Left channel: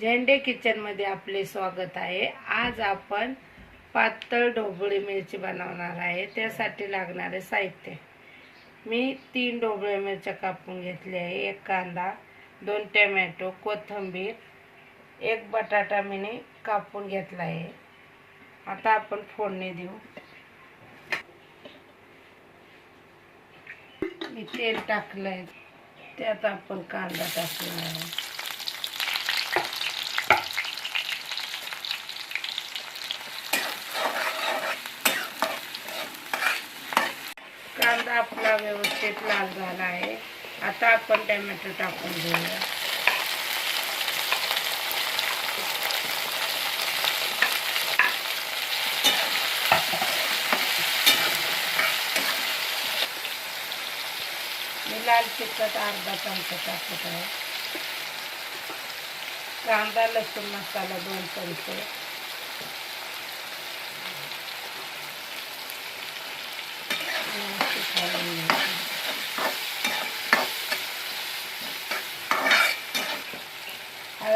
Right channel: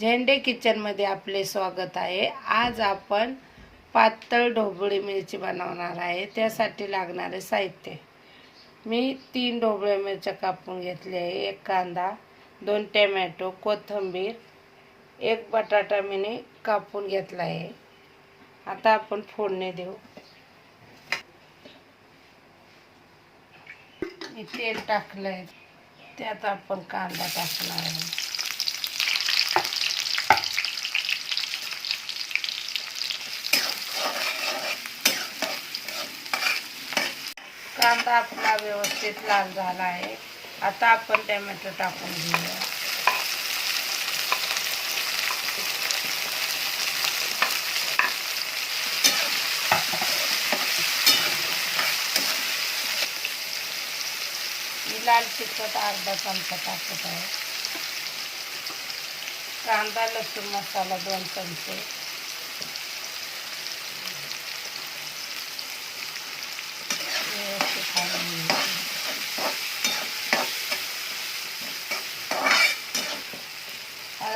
झेंडे किचनमध्ये आपले स्वागत आहे. आज आपण पातळ ढोबळी मिरची बनवणार आहे. त्यासाठी लागणारे साहित्य. मी तीन ढोबळी मिरच्या कापून घेतली आहे. एक कांदा दोन टमॅटो कोथिंबीर एक बटाटा मीने कापून घेतला आहे. आता आपण फोडणी देऊ. मी तेल टाकलं आहे त्यात आपण कांदा टाकला आहे. कांदा आपला व्यवस्थित लाल झाला आहे. आता आपण टमॅटो टाकून घेऊया. मी लाल तिखट अर्धा चमचा टाकत आहे. कांदा लसूण मसाला दोन चमचे व्यवस्थित हलवून घ्यायचं.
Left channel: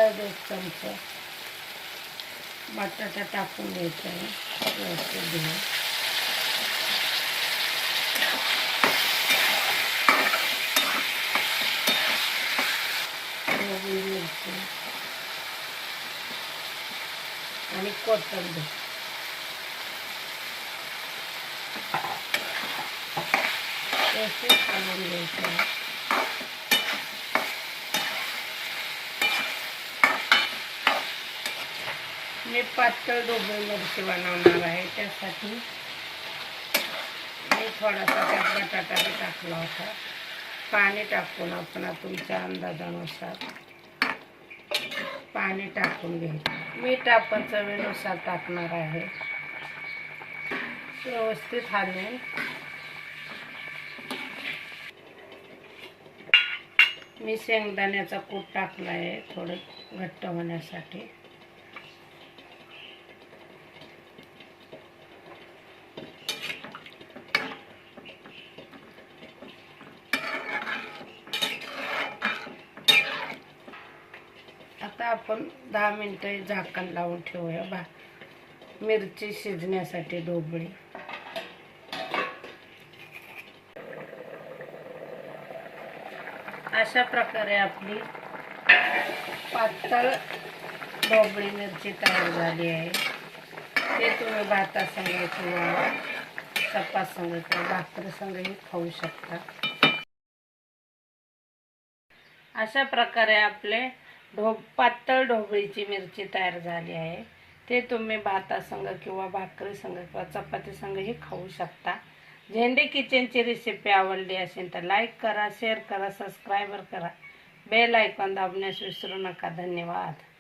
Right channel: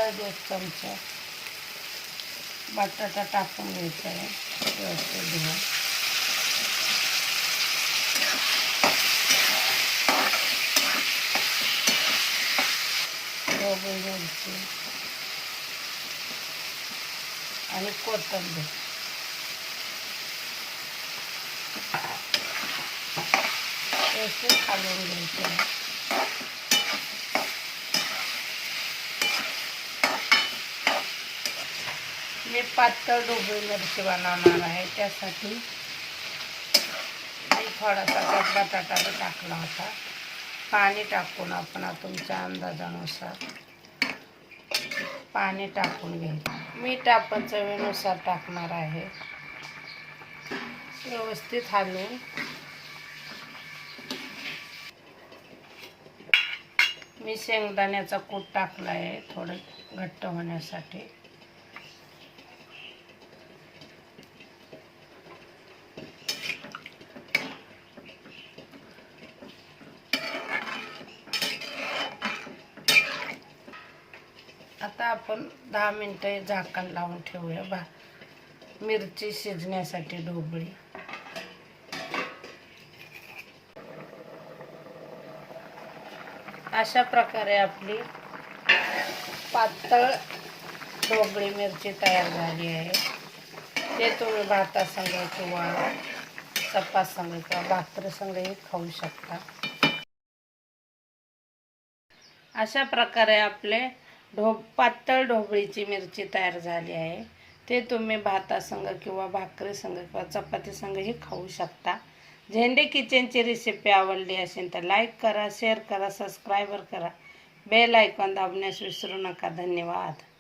हळद एक बटाटा टाकून घ्यायचा आहे व्यवस्थित घ्या आणि कोथिंबीर. व्यवस्थित हलवून घ्यायचं आहे. मी पातळ ढोबळी मिरची बनवणार आहे. त्यासाठी मी थोडासा त्यात बटाटा टाकला होता. पाणी टाकून आपण तुमच्या अंदाजानुसार पाणी टाकून घ्यायचं मीठ आपण चवीनुसार टाकणार आहे. व्यवस्थित हलवून मी शेंगदाण्याचा कूट टाकला आहे थोडं घट्ट होण्यासाठी आता आपण दहा मिनटं झाकण लावून ठेवूया बा. मिरची शिजण्यासाठी ढोबळी. अशा प्रकारे आपली पातळ ढोबळी मिरची तयार झाली आहे. ते तुम्ही भातासंगे किंवा चपासंग किंवा भाकरीसंगही खाऊ शकता. अशा प्रकारे आपले ढो पातळ ढोबळीची मिरची तयार झाली आहे. ते तुम्ही भातासंग किंवा भाकरीसंग किंवा चपातीसंगही खाऊ शकता. झेंडे किचनची रेसिपी आवडली असेल तर लाईक करा शेअर करा सबस्क्रायबर करा. बेल आयकॉन दाबण्यास विसरू नका. धन्यवाद.